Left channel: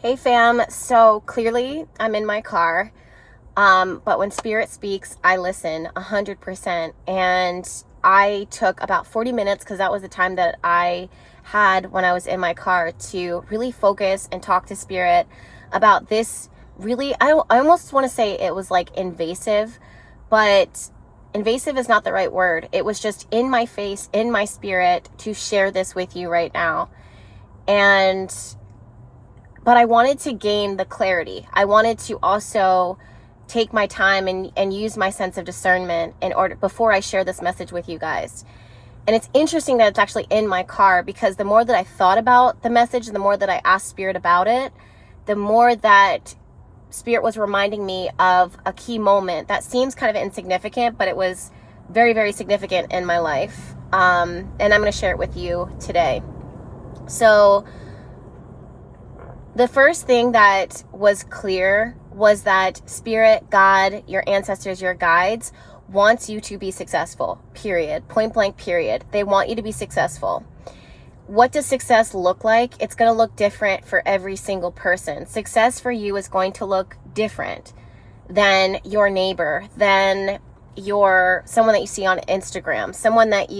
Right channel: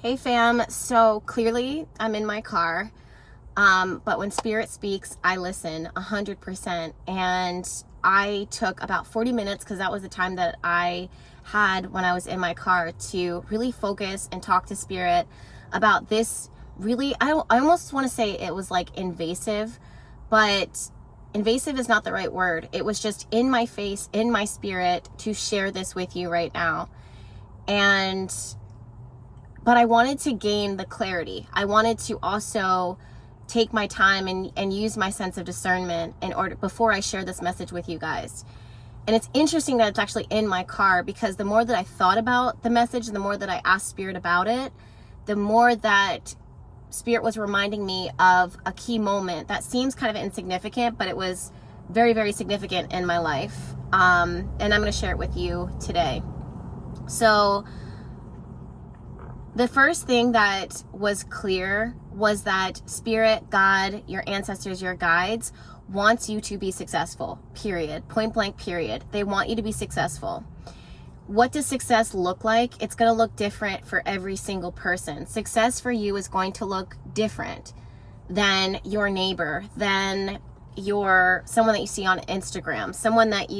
Hey fam, so clearly I'm in my car, but when Spirit speaks, I listen 100%. And I took about 40 minutes because that was the time that I had when I was in my car to really focus and talk to Spirit about this. Really, I almost want to say it was like invasive, but invasive is not the right word. It was just in my face, in my spirit to share this with you right now. But I wanted to gain the clarity. I wanted to also take my time and use my sense of discernment in order before I share this message with you guys. And it's interesting that it's actually in my car, because the more that I thought about the message, the more that I asked Spirit about it, the more that Spirit was reminding me of a key moment that seems kind of insignificant, but it was very, very significant in my life. And I'm going to share it with you today. So the first thing that was clear was that Spirit, God, your ancestors, your guides wants you to be successful, period. Point blank, period. They want you to be successful. What does success look like? It's going to look different for every single person. Success for you is going to look different than your neighbor, than someone that you see on Instagram, someone that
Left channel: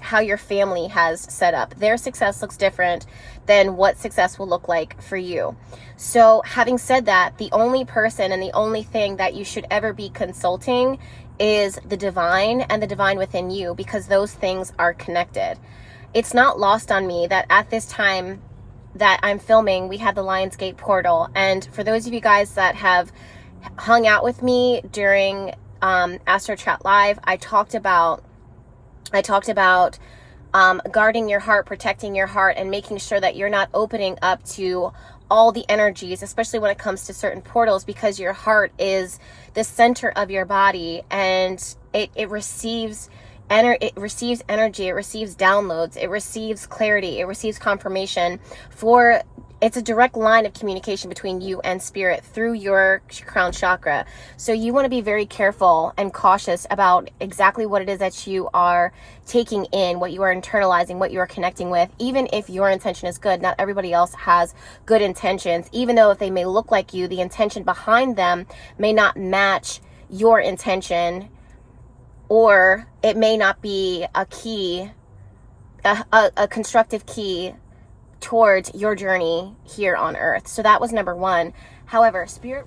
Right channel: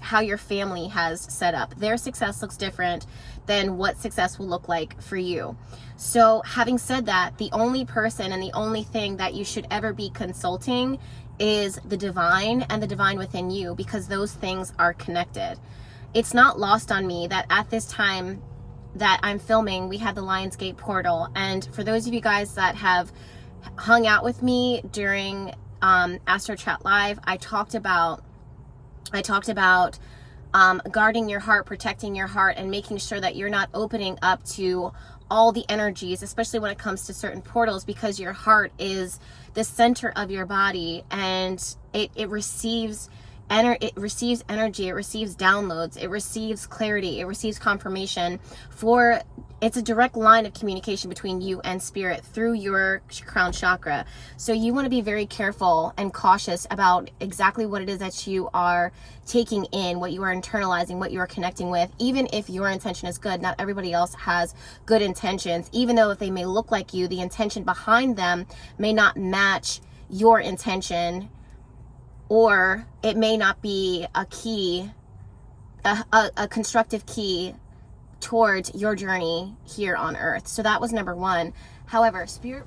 how your family has set up. Their success looks different than what success will look like for you. So having said that, the only person and the only thing that you should ever be consulting is the divine and the divine within you, because those things are connected. It's not lost on me that at this time that I'm filming, we had the Lionsgate portal. And for those of you guys that have hung out with me during Astro Chat Live, I talked about guarding your heart, protecting your heart, and making sure that you're not opening up to all the energies, especially when it comes to certain portals, because your heart is the center of your body, and it receives energy, it receives downloads, it receives clarity, it receives confirmation. It's a direct line of communication between you and Spirit through your crown chakra. So you want to be very careful and cautious about exactly what it is that you are taking in, what you are internalizing, what you are connecting with. Even if your intention is good, not everybody else has good intentions. Even though if they may look like you, the intention behind them may not match your intention, or it may not be a key, a constructive key towards your journey here on earth. So that was number one. However, Spirit,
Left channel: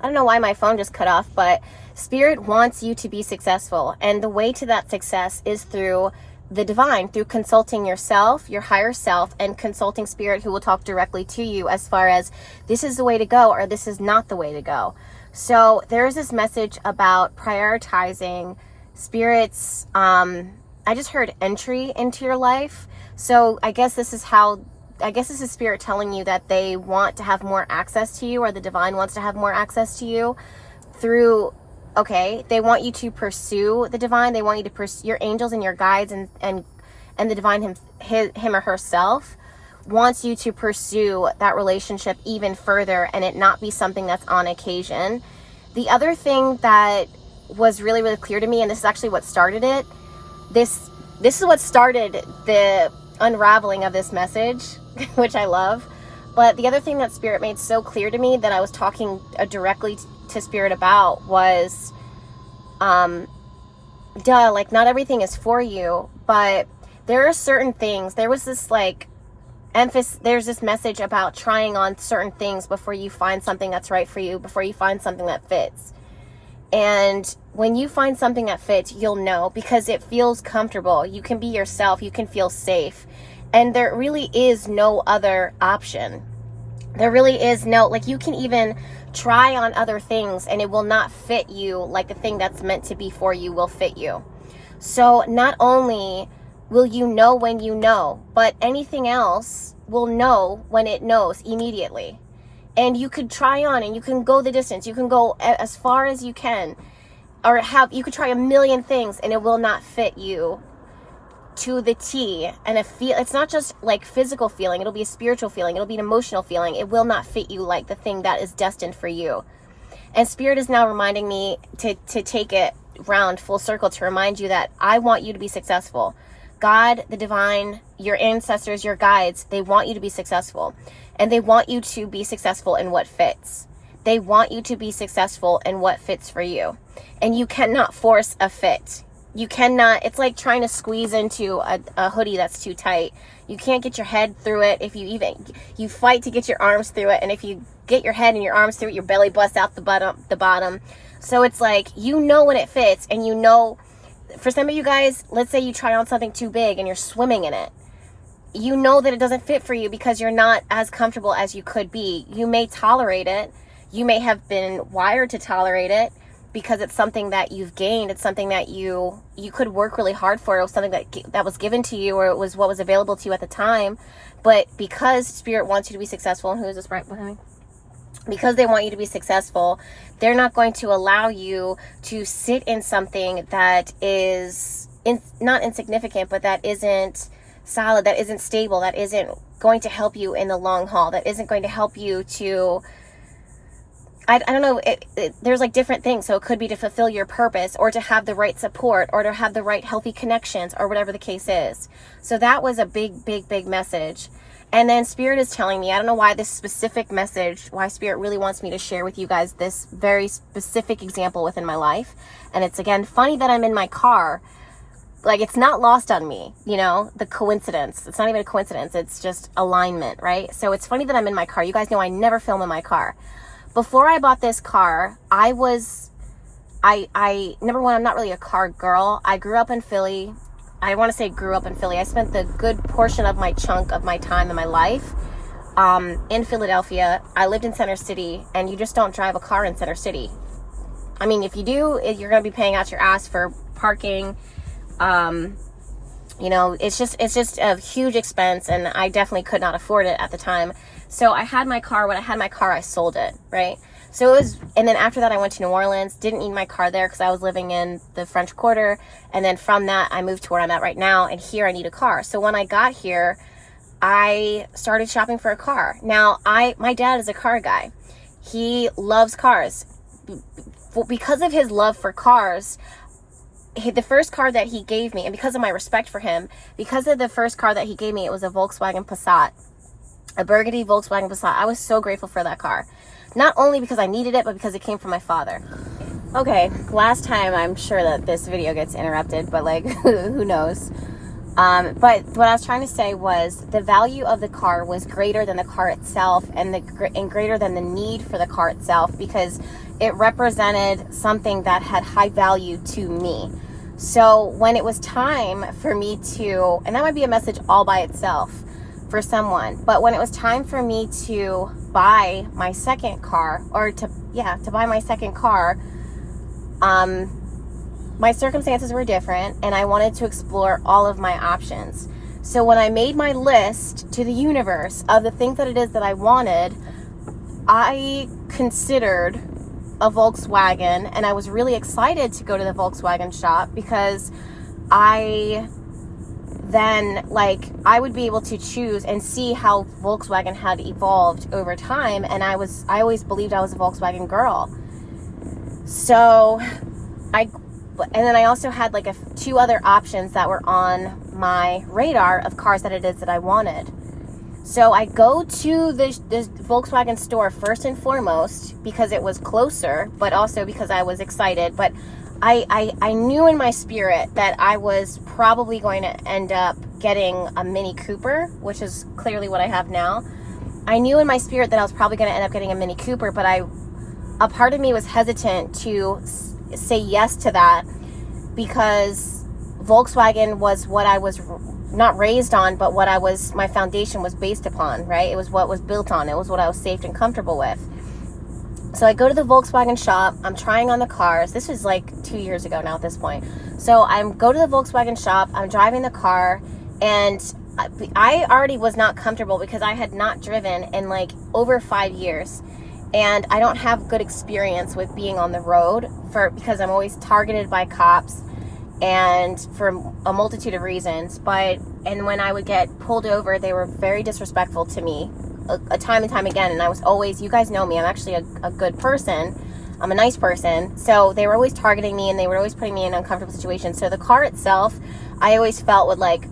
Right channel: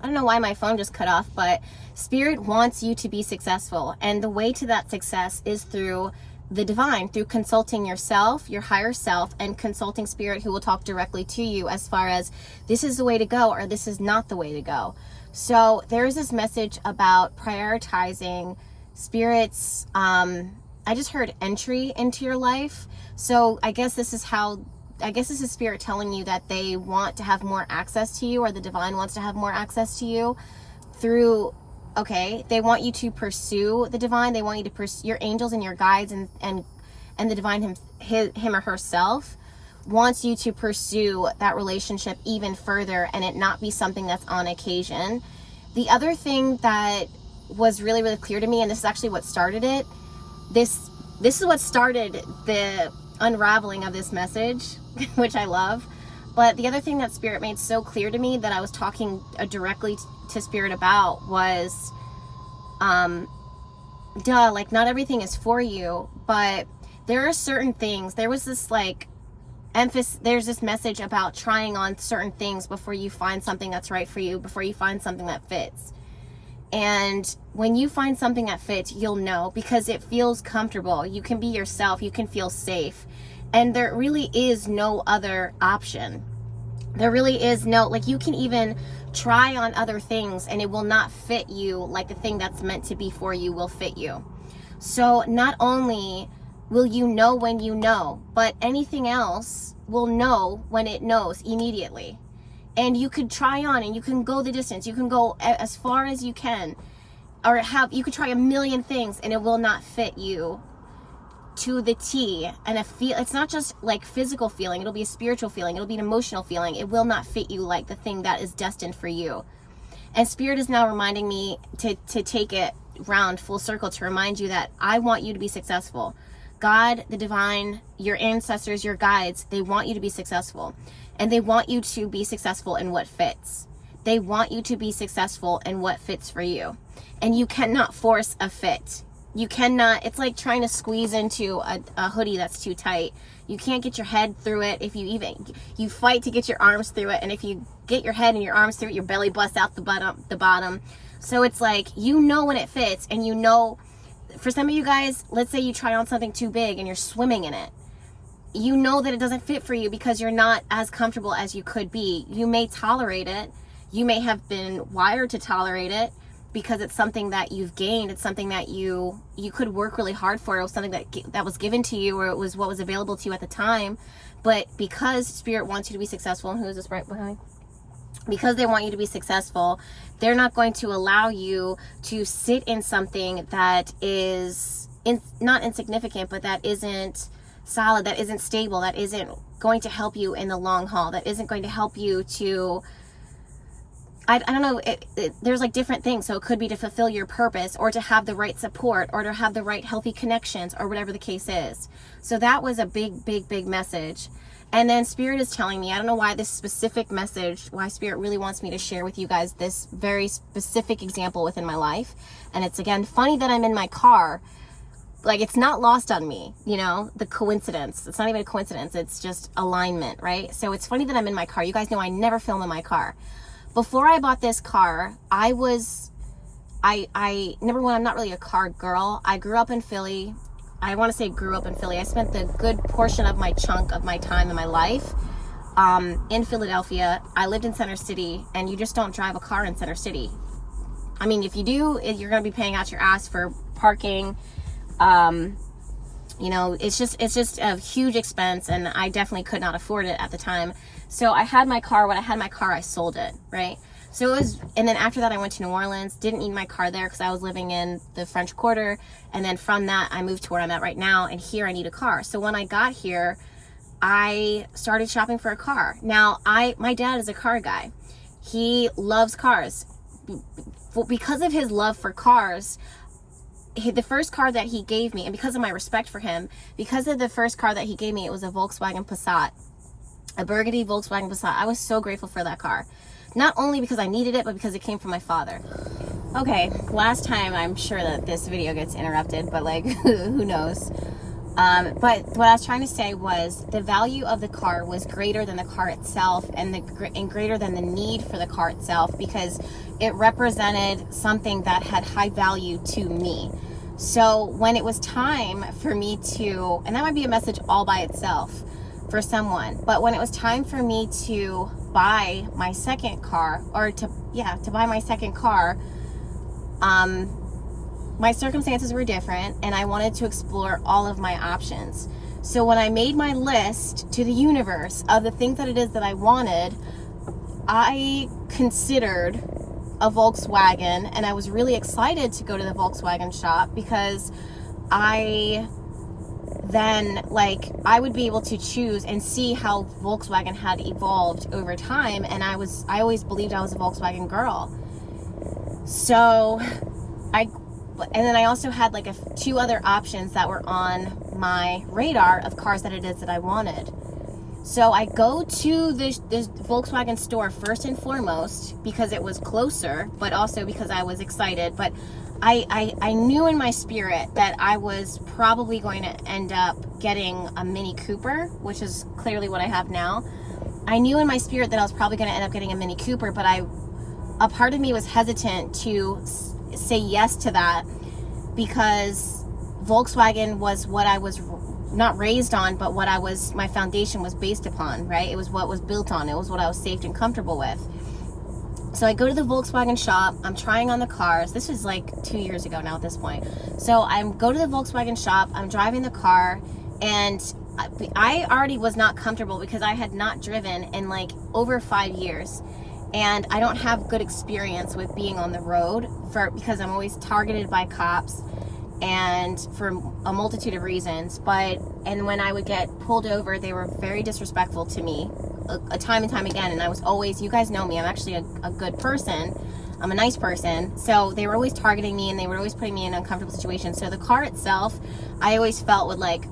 I don't know why my phone just cut off, but Spirit wants you to be successful. And the way to that success is through the divine, through consulting yourself, your higher self, and consulting Spirit, who will talk directly to you as far as this is the way to go or this is not the way to go. So there's this message about prioritizing Spirit's, I just heard entry into your life. So I guess this is Spirit telling you that they want to have more access to you, or the divine wants to have more access to you through, they want you to pursue the divine. They want you to pursue your angels and your guides, and the divine him or herself wants you to pursue that relationship even further, and it not be something that's on occasion. The other thing that was really, really clear to me, and this is actually what started it, this is what started the unraveling of this message, which I love. But the other thing that Spirit made so clear to me that I was talking directly to Spirit about was, like, not everything is for you, but there are certain things. There was this like emphasis, there's this message about trying on certain things before you find something that's right for you, before you find something that fits. And when you find something that fits, you'll know, because it feels comfortable. You can be yourself, you can feel safe. And there really is no other option. There really is no, like, you can even try on other things and it will not fit you like the thing that's meant to be for you will fit you. So not only will you know when you know, but anything else will know when it knows immediately. And you could try on and you can go the distance. You can go as far as you can, or you could try a million things and it will not fit you to the T. And it's not just like physical feeling. It'll be a spiritual feeling. It'll be an emotional feeling. It will not fit you like the thing that is destined for you. And Spirit is now reminding me to take it round full circle, to remind you that I want you to be successful. God, the divine, your ancestors, your guides, they want you to be successful. And they want you to be successful in what fits. They want you to be successful in what fits for you. And you cannot force a fit. You cannot, it's like trying to squeeze into a hoodie that's too tight. You can't get your head through it. If you fight to get your arms through it. And if you get your head and your arms through it, your belly busts out the bottom. So it's like, you know when it fits, and you know, for some of you guys, let's say you try on something too big and you're swimming in it. You know that it doesn't fit for you because you're not as comfortable as you could be. You may tolerate it. You may have been wired to tolerate it because it's something that you've gained. It's something that you could work really hard for. It was something that was given to you, or it was what was available to you at the time. But because Spirit wants you to be successful, and who is this right behind me? Because they want you to be successful, they're not going to allow you to sit in something that is not insignificant, but that isn't solid, that isn't stable, that isn't going to help you in the long haul, that isn't going to help you to, I don't know, there's like different things. So it could be to fulfill your purpose, or to have the right support, or to have the right healthy connections, or whatever the case is. So that was a big message. And then Spirit is telling me, I don't know why this specific message, why Spirit really wants me to share with you guys this very specific example within my life. And it's, again, funny that I'm in my car. Like, it's not lost on me, you know, the coincidence. It's not even a coincidence. It's just alignment, right? So it's funny that I'm in my car. You guys know I never film in my car. Before I bought this car, number one, I'm not really a car girl. I grew up in Philly. I want to say grew up in Philly. I spent the good portion of my chunk of my time in my life in Philadelphia. I lived in Center City, and you just don't drive a car in Center City. I mean, if you do, you're going to be paying out your ass for parking. You know, it's just a huge expense, and I definitely could not afford it at the time. So I had my car. When I had my car, I sold it, right? So it was, and then after that, I went to New Orleans, didn't need my car there because I was living in the French Quarter. And then from that, I moved to where I'm at right now. And here I need a car. So when I got here, I started shopping for a car. Now, my dad is a car guy. He loves cars. Because of his love for cars, the first car that he gave me, and because of my respect for him, because of the first car that he gave me, it was a Volkswagen Passat, a burgundy Volkswagen Passat. I was so grateful for that car. Not only because I needed it, but because it came from my father. Okay, last time, I'm sure that this video gets interrupted, but like, who knows? But what I was trying to say was the value of the car was greater than the car itself, and greater than the need for the car itself, because it represented something that had high value to me. So when it was time for me to, and that might be a message all by itself for someone, but when it was time for me to buy my second car, or to buy my second car, my circumstances were different, and I wanted to explore all of my options. So when I made my list to the universe of the things that it is that I wanted, I considered a Volkswagen, and I was really excited to go to the Volkswagen shop because I would be able to choose and see how Volkswagen had evolved over time. And I always believed I was a Volkswagen girl. So and then I also had like two other options that were on my radar of cars that it is that I wanted. So I go to this Volkswagen store first and foremost because it was closer, but also because I was excited. But I knew in my spirit that I was probably going to end up getting a Mini Cooper, which is clearly what I have now. I knew in my spirit that I was probably going to end up getting a Mini Cooper, but a part of me was hesitant to say yes to that because Volkswagen was what I was not raised on, but what my foundation was based upon, right? It was what was built on. It was what I was safe and comfortable with. So I go to the Volkswagen shop. I'm trying on the cars. This was like 2 years ago now at this point. So I go to the Volkswagen shop. I'm driving the car, and I already was not comfortable because I had not driven in like over 5 years. And I don't have good experience with being on the road because I'm always targeted by cops and for a multitude of reasons. And when I would get pulled over, they were very disrespectful to me a time and time again. And I was always, you guys know me, I'm actually a good person. I'm a nice person. So they were always targeting me, and they were always putting me in uncomfortable situations. So the car itself, I always felt would like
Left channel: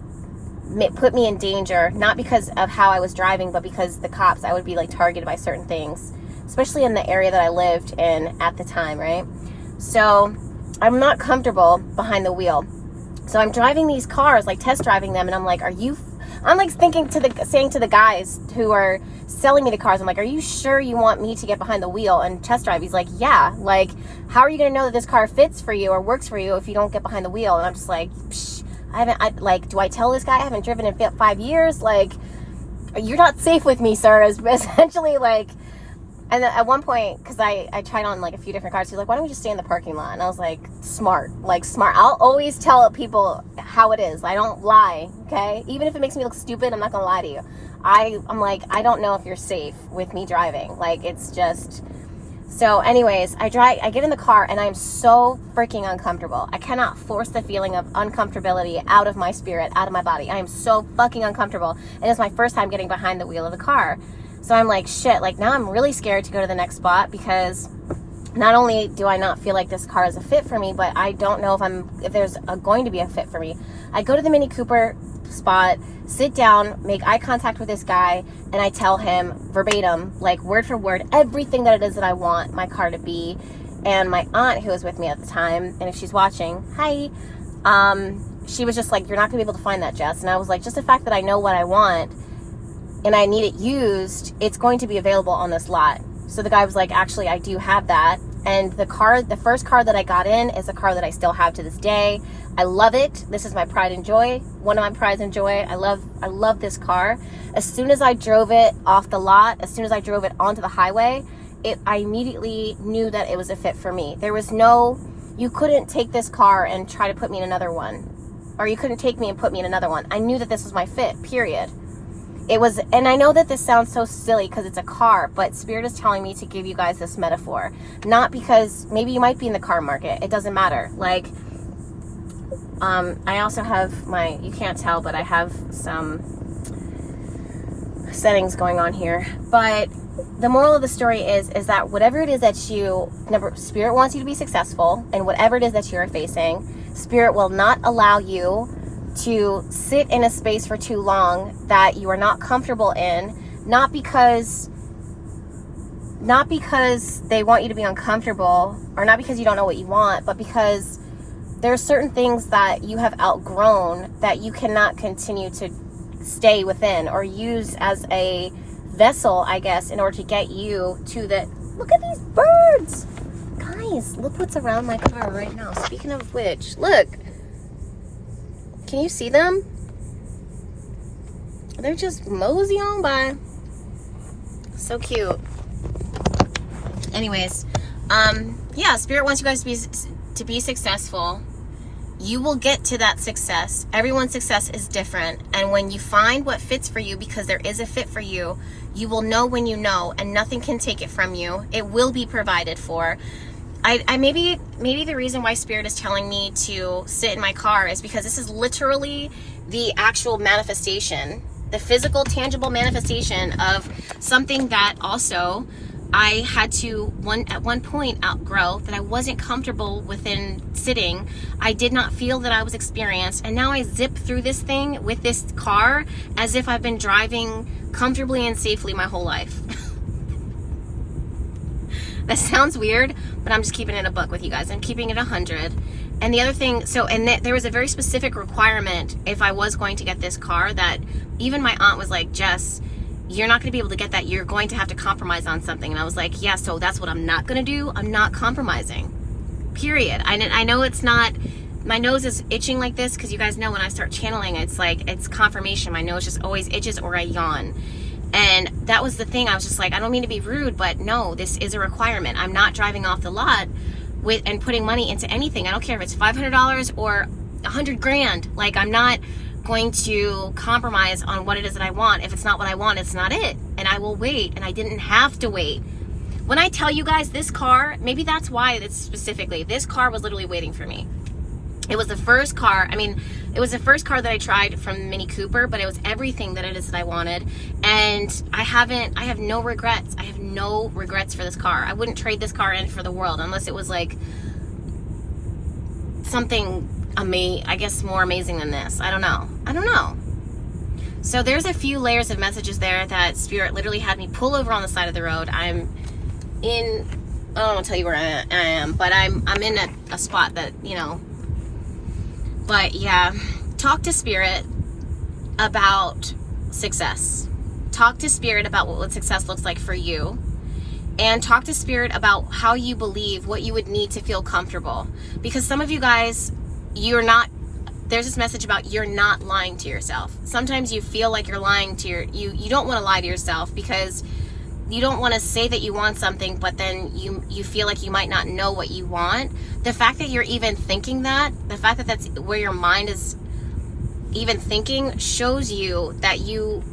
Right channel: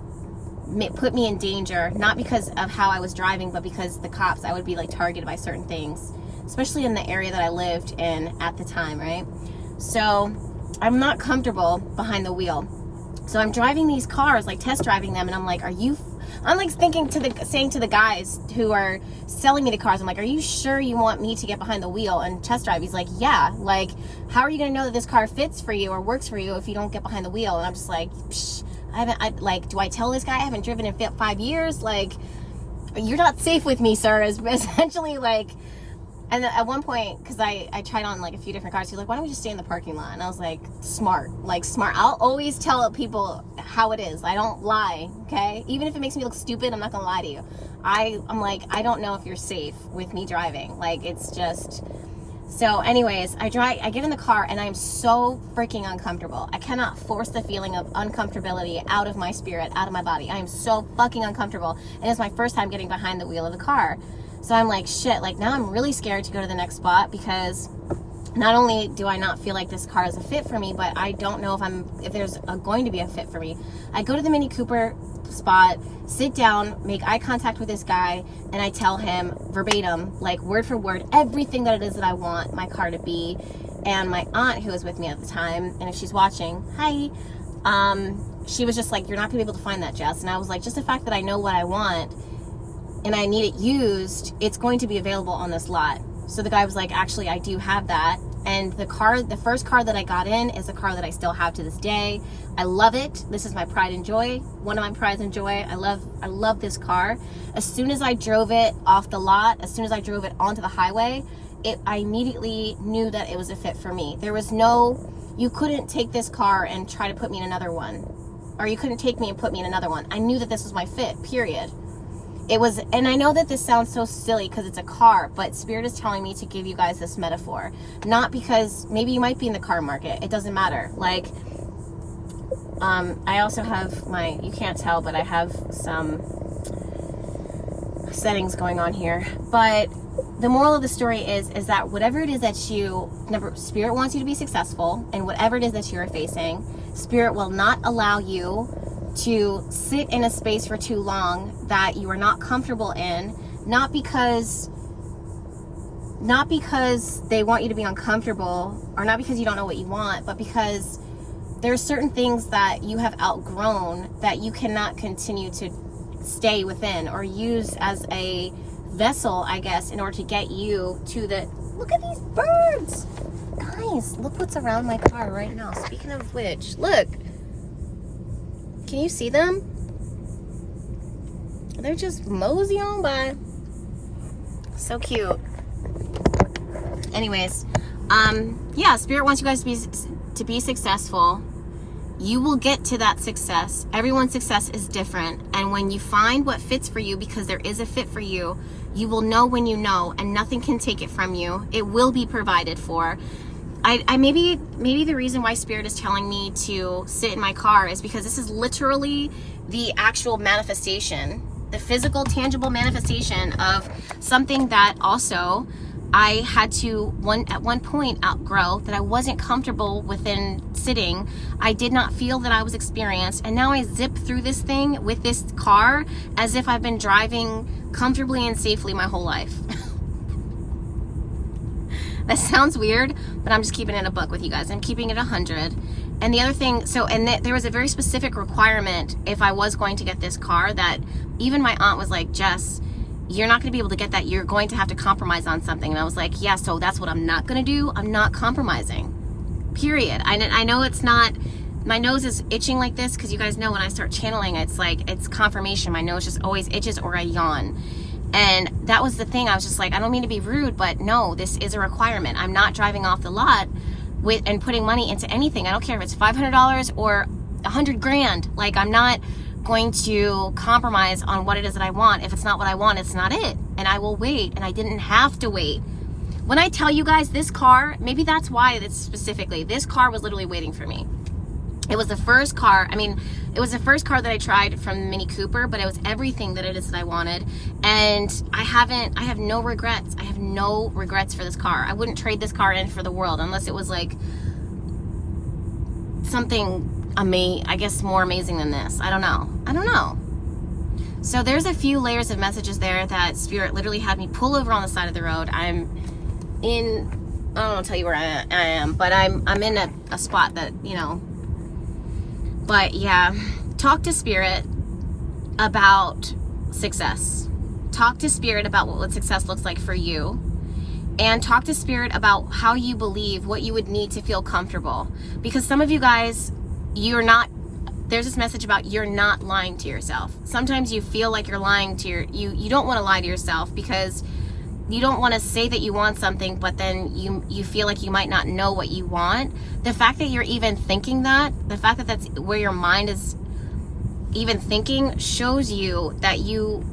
put me in danger, not because of how I was driving, but because the cops, I would be like targeted by certain things, especially in the area that I lived in at the time, right? So I'm not comfortable behind the wheel. So I'm driving these cars, like test driving them, and I'm like, I'm like saying to the guys who are selling me the cars, I'm like, are you sure you want me to get behind the wheel and test drive? He's like, yeah. Like, how are you gonna know that this car fits for you or works for you if you don't get behind the wheel? And I'm just like, do I tell this guy I haven't driven in 5 years? Like, you're not safe with me, sir, is essentially like. And then at one point, because I tried on like a few different cars, he's like, why don't we just stay in the parking lot? And I was like, smart. I'll always tell people how it is. I don't lie, okay? Even if it makes me look stupid, I'm not gonna lie to you. I'm like, I don't know if you're safe with me driving. Like, it's just. So anyways, I get in the car, and I'm so freaking uncomfortable. I cannot force the feeling of uncomfortability out of my spirit, out of my body. I am so fucking uncomfortable. And it's my first time getting behind the wheel of the car. So I'm like, shit, like now I'm really scared to go to the next spot, because not only do I not feel like this car is a fit for me, but I don't know if there's going to be a fit for me. I go to the Mini Cooper spot, sit down, make eye contact with this guy, and I tell him verbatim, like word for word, everything that it is that I want my car to be. And my aunt, who was with me at the time, and if she's watching, hi, she was just like, you're not gonna be able to find that, Jess. And I was like, just the fact that I know what I want and I need it used, it's going to be available on this lot. So the guy was like, actually, I do have that. And the first car that I got in is a car that I still have to this day. I love it. This is my pride and joy. One of my prides and joy. I love this car. As soon as I drove it off the lot, as soon as I drove it onto the highway, I immediately knew that it was a fit for me. There was you couldn't take this car and try to put me in another one. Or you couldn't take me and put me in another one. I knew that this was my fit, period. It was, and I know that this sounds so silly because it's a car, but Spirit is telling me to give you guys this metaphor. Not because, maybe you might be in the car market. It doesn't matter. Like, I also have you can't tell, but I have some settings going on here. But the moral of the story is that whatever it is that Spirit wants you to be successful, and whatever it is that you're facing, Spirit will not allow you to sit in a space for too long that you are not comfortable in, not because they want you to be uncomfortable, or not because you don't know what you want, but because there are certain things that you have outgrown that you cannot continue to stay within or use as a vessel, I guess, in order to get you to look at these birds, guys, look what's around my car right now. Speaking of which, look. Can you see them? They're just mosey on by. So cute. Anyways, yeah, Spirit wants you guys to be successful. You will get to that success. Everyone's success is different. And when you find what fits for you, because there is a fit for you, you will know when you know, and nothing can take it from you. It will be provided for. I maybe the reason why Spirit is telling me to sit in my car is because this is literally the actual manifestation, the physical, tangible manifestation of something that also I had to at one point outgrow, that I wasn't comfortable within sitting. I did not feel that I was experienced, and now I zip through this thing with this car as if I've been driving comfortably and safely my whole life. That sounds weird, but I'm just keeping it a buck with you guys. I'm keeping it 100. And the other thing, there was a very specific requirement if I was going to get this car, that even my aunt was like, Jess, you're not going to be able to get that. You're going to have to compromise on something. And I was like, yeah, so that's what I'm not going to do. I'm not compromising, period. I know it's not, my nose is itching like this because you guys know when I start channeling, it's like, it's confirmation. My nose just always itches or I yawn. And that was the thing. I was just like, I don't mean to be rude, but no, this is a requirement. I'm not driving off the lot and putting money into anything. I don't care if it's $500 or $100,000. Like, I'm not going to compromise on what it is that I want. If it's not what I want, it's not it. And I will wait. And I didn't have to wait. When I tell you guys this car, maybe that's why it's specifically, this car was literally waiting for me. It was the first car. I mean, it was the first car that I tried from Mini Cooper, but it was everything that it is that I wanted. And I have no regrets. I have no regrets for this car. I wouldn't trade this car in for the world unless it was like something I guess more amazing than this. I don't know. So there's a few layers of messages there that Spirit literally had me pull over on the side of the road. I don't want to tell you where I am, but I'm in a spot that, you know. But yeah, talk to Spirit about success. Talk to Spirit about what success looks like for you. And talk to Spirit about how you believe, what you would need to feel comfortable. Because some of you guys, there's this message about you're not lying to yourself. Sometimes you feel like you're lying to you don't want to lie to yourself because you don't want to say that you want something, but then you feel like you might not know what you want. The fact that you're even thinking that, the fact that that's where your mind is even thinking, shows you that you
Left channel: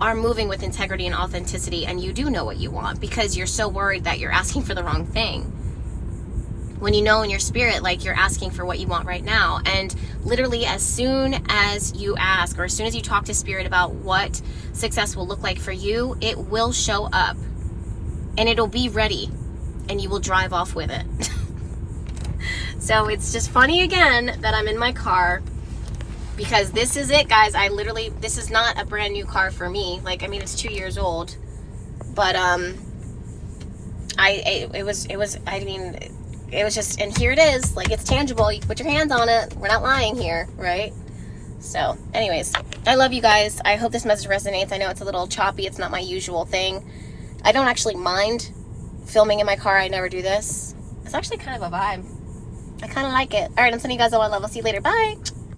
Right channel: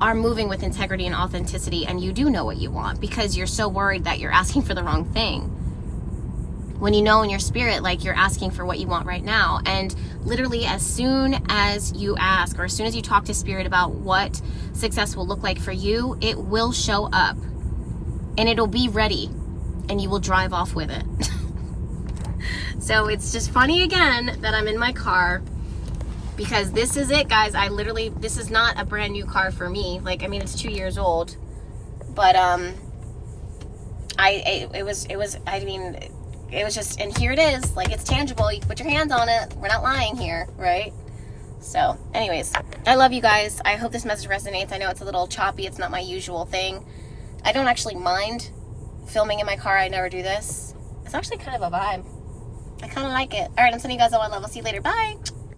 are moving with integrity and authenticity, and you do know what you want, because you're so worried that you're asking for the wrong thing. When you know in your spirit, like, you're asking for what you want right now. And literally as soon as you ask, or as soon as you talk to Spirit about what success will look like for you, it will show up and it'll be ready and you will drive off with it. So it's just funny again that I'm in my car, because this is it, guys. This is not a brand new car for me. Like, I mean, it's 2 years old, but it was just, and here it is. Like, it's tangible. You can put your hands on it. We're not lying here, right? So anyways, I love you guys. I hope this message resonates. I know it's a little choppy. It's not my usual thing. I don't actually mind filming in my car. I never do this. It's actually kind of a vibe. I kind of like it. All right, I'm sending you guys all my love. I'll see you later. Bye.